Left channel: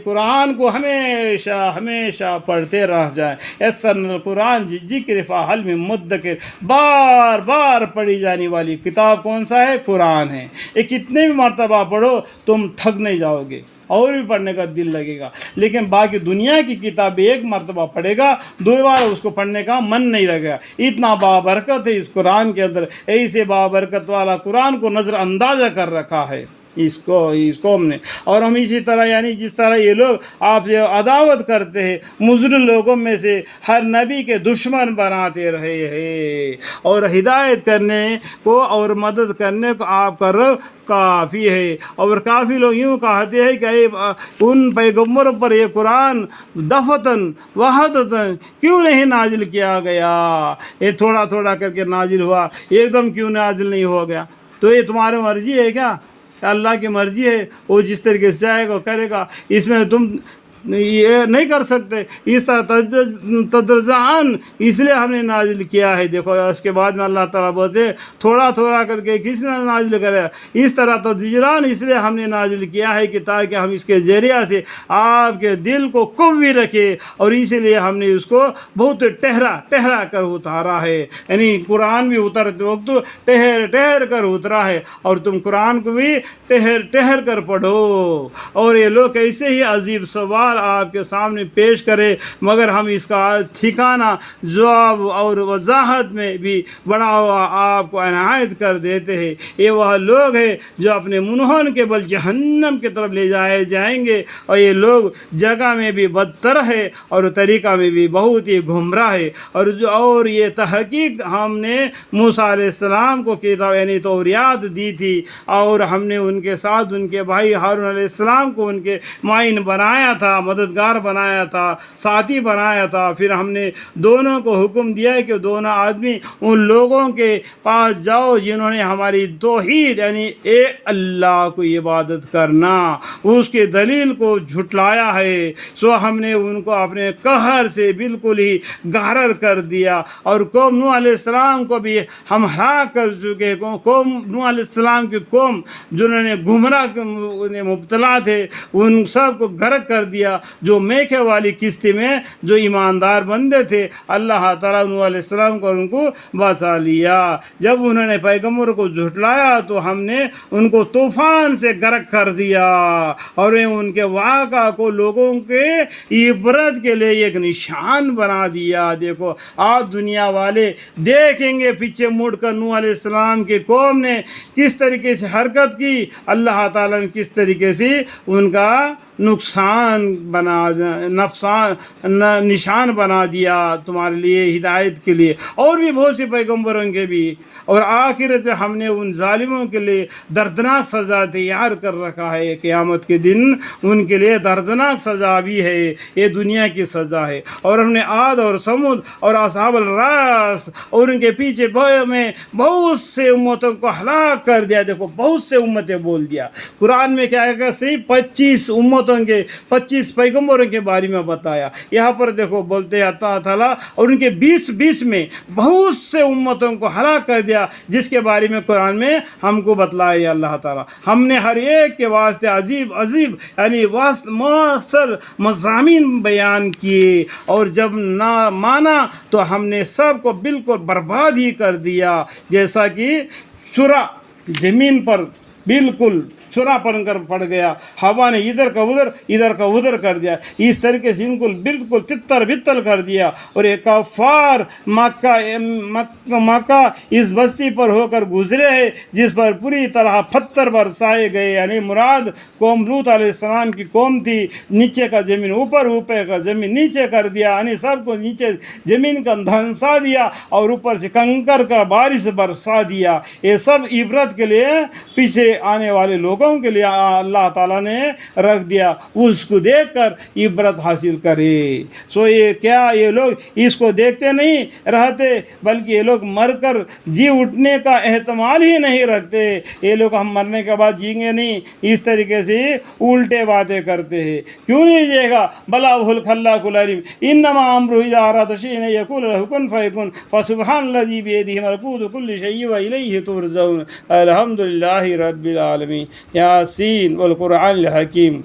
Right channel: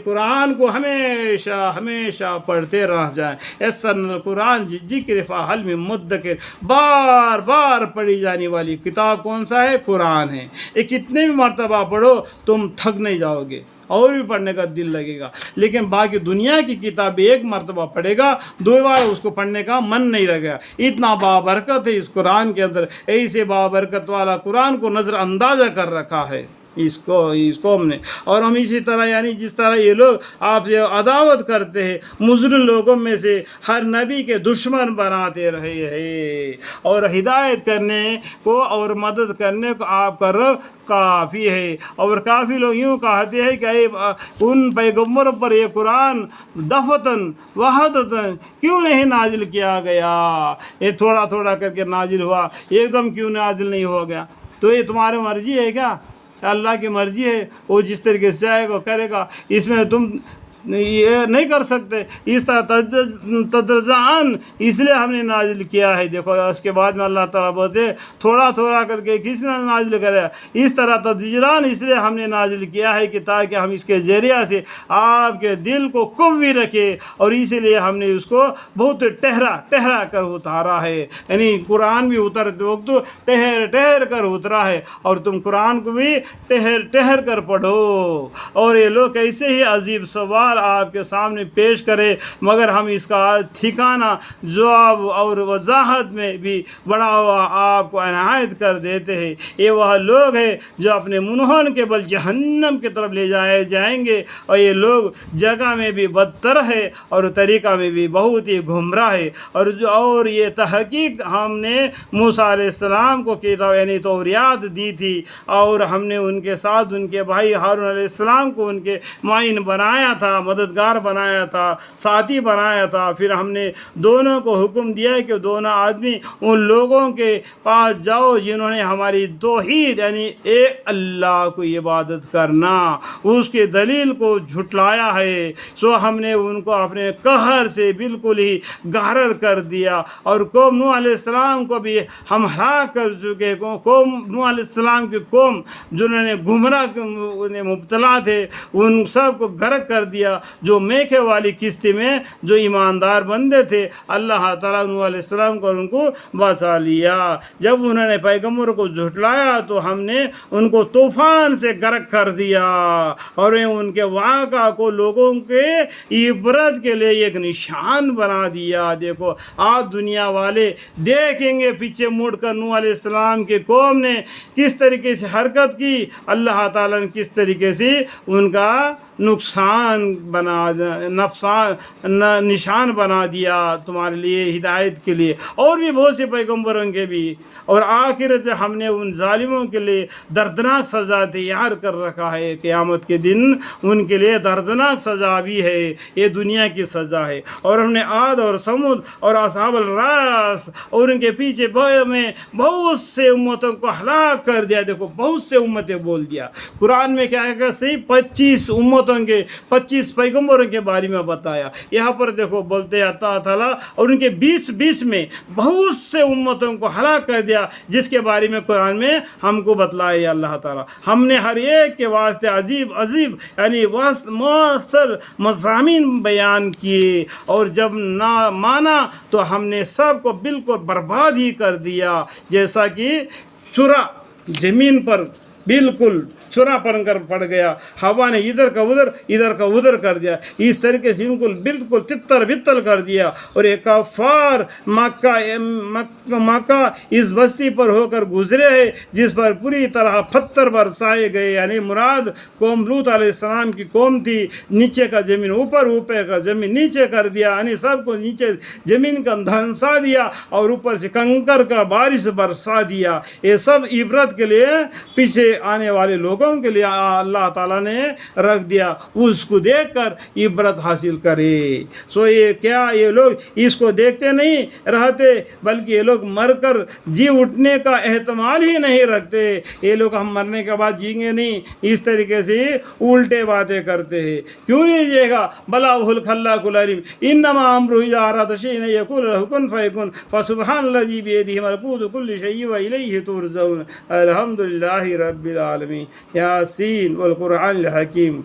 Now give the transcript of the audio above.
قرآن کو ہمیشہ ہمیشہ پڑھتے رہ جائیں. یسرنا القرآن ذکر فہل من مدکر. بار بار پڑھی جانے والی کتاب کون سا ہے؟ قرآن ہے. یہ کتنے بھی مرتبہ پڑھو تم تھک نہیں جاؤ گے، اور بھی پڑھنے کا دل لگے گا. لیکن باقی دنیا کی کتاب ایک مرتبہ پڑھے گا، دو بار اس کو پڑھنے کا من نہیں لگے گا. اتنا بابرکت ہے اس قرآن کے اندر. ایسے بابرکت والا قرآن کو نظر اندازہ کر رکھا ہے اس قوم نے. اور ہم اسی طرح یعنی جس طرح یہ لوگ آپ سے عداوت کرتے ہیں، مضر لوگوں میں سے ہر نبی کے دشمن بناتے رہے ہیں، اور ہدایت کرنے کو اور مدد کرنے کو آپ کا رب کافی ہے. اور کافی لوگ یوں کہتے ہیں کہ ان پیغمبروں پر یہ قرآن دفتن وحدتن کیوں نہیں نازل کیا گیا؟ یہ تھوڑا تھوڑا کر کے نازل ہوا، ایک دم کیوں نازل نہیں ہو گیا؟ تو یہ تمہاری مرضی ہے کیا؟ اللہ کی مرضی ہے، وہ جس طریقے سے چاہے گا کرے گا. اس میں تم یہ نہیں کر سکتے. اس طرح تدرجان اس لیے ہم نے نازل کیا ہے. دیکھو اس کے بعد میں اللہ تعالیٰ بولتے تھوڑا تھوڑا کر کے کس نے نازل کرے؟ اس طرح تدرجان اس لیے ہم نے نازل کیا ہے کہ تاکہ ہم اس کے ذریعہ سے آپ کے دل کو قوی رکھے. اور اسی لیے ہم نے اس کو بہت ٹہرا کر اتارا ہے. یعنی قرآن بھی اترتے وقت ٹہر کر اترا ہے، اور تم قرآن کو بھی ٹہر کر پڑھو. اور یہ لوگ ایسے ہی عجیب سوال آپ کے سامنے پیش کرے، مگر ہم اس کا ٹھکانہ جواب اور وضاحت میں بھی بڑا ہوا آپ کو عنایت کر دیتے ہیں. یہ وہ لوگ ہیں جو اپنے منہن کے بل جہنم کی طرف لے جائے جائیں گے، اور یہ لوگ جگہ میں بھی بدتر ہے اور طریقہ میں بھی بہت ہی گمراہ ہے. اور یہ تحقیق ہم نے موسیٰ علیہ السلام کو کتاب یعنی توریات دی تھی، اور ہم نے ان کے ساتھ ان کے بھائی ہارون علیہ السلام کو ان کے معین بنایا تھا، مددگار بنایا تھا، ساتھی بنایا تھا. پھر ہم نے دونوں کو حکم دیا کہ دونوں آدمی ان لوگوں کے پاس جاؤ جنہوں نے ہماری توحید یعنی اللہ کو عبادت کرنا اس کے دلیل کو جھٹلایا ہے. سو ہم نے ان کو اپنے قہر سے بالکل ہی غارر کر دیا. اور قوم نوح علیہ السلام کو بھی ہم ہلاک کر چکے. قوم نوح علیہ السلام کی قوم جنہوں نے گمراہ مبتلا تھے ان سب کو غرق کر دیا. جو میکھے والی کشتی میں جو ایماندار بندے تھے، اللہ تعالیٰ نوح علیہ السلام کو ان کو بچا لیا. جب انہوں نے پیغمبر کو جھٹلایا تو ہم نے ان کو طوفان سے غرق کر دیا، اور ان کے واقعہ کو لوگوں کے عبرت کے لیے ایک نشان بنا دیا. دیکھو آپ دنیا والے دیکھیں گے پیچھے مڑ کر نوح علیہ السلام کی قوم نے کس طریقے سے حرکت کی، اللہ تعالیٰ نے کس طریقے سے ان کا نشان بنا دیا تمہارے لیے ہدایت کے لیے. اور بھی بہت سے پیغمبروں کے بھی. اور آخرت میں ہم نے ان ظالموں کے لیے دردناک سزا تیار کر رکھا ہے. قیامت کے دن ان کے لیے دردناک سزا بھی ہے. یہ دنیا کی سزا ہے. اور ہم نے عاد اور سمود اور اصحاب الراس اور ان کے پیچھے میں بہت سے امتوں کو ہلاک کر دیا. دیکھو بہت سے امتیں بول دیا. قرآن میں کیا ہے؟ صرف 25 امتوں کے 25 پیغمبروں کے بارے میں بتایا. یہاں پر دیکھو بولتے ہیں اللہ تعالیٰ اور ان کے بیچ میں بہت سے امتوں کو ہلاک کر دیا، جس کے بارے میں قرآن میں ہم کو بتلایا اللہ تعالیٰ. ہم نے ہر ایک کے واسطے عجیب یعنی مؤثر مضامین بیان کیے، اور جب نہ مانا تو ہم نے سب کو بالکل برباد ہی کر دیا. جیسا کہ سورہ زمین پر بالکل سورا پڑ گیا، ہوا نے ادھر کا ادھر کر دیا. اس طریقے سے ان کو بالکل تتر بتل کر دیا. اور ایک کفار مکہ اس بستی پر ہو کر گزرے ہیں جس پر پوری طرح پتھر برسائے گئے. یعنی مراد قوم لوط علیہ السلام کی قوم تھی. نیچے کا زمین اوپر کا زمین نیچے کر دیا، یعنی سب کو نیچے زمین کا دھنسا دیا اور اوپر سے کنکر کا بارش برسا دیا. یہ سب عبرت کے لیے پیچھے آنے والے لوگوں کے لیے اللہ تعالیٰ نے رکھ دیا. اس کو دیکھ کر عبرت حاصل کرے. سو یہ لوگ اس کو دیکھتے نہیں رہتے، بلکہ یہ لوگ مر کر جی اٹھنے کا احتمال ہی نہیں رکھتے. یہ لوگ ہم مرنے کے بعد جئیں گے نہیں، اس طریقے سے الٹے باتیں کرتے ہیں. کیوں نہیں جئے گا؟ بلا وہ الخلاق العلیم انما امرہ اذا اراد شیئا ان یقول له کن فیکن فسبحان الذی بیدہ ملکوت کل شیء والیہ ترجعون. الحمدللہ رب العالمین. یاسین والقرآن الحکیم.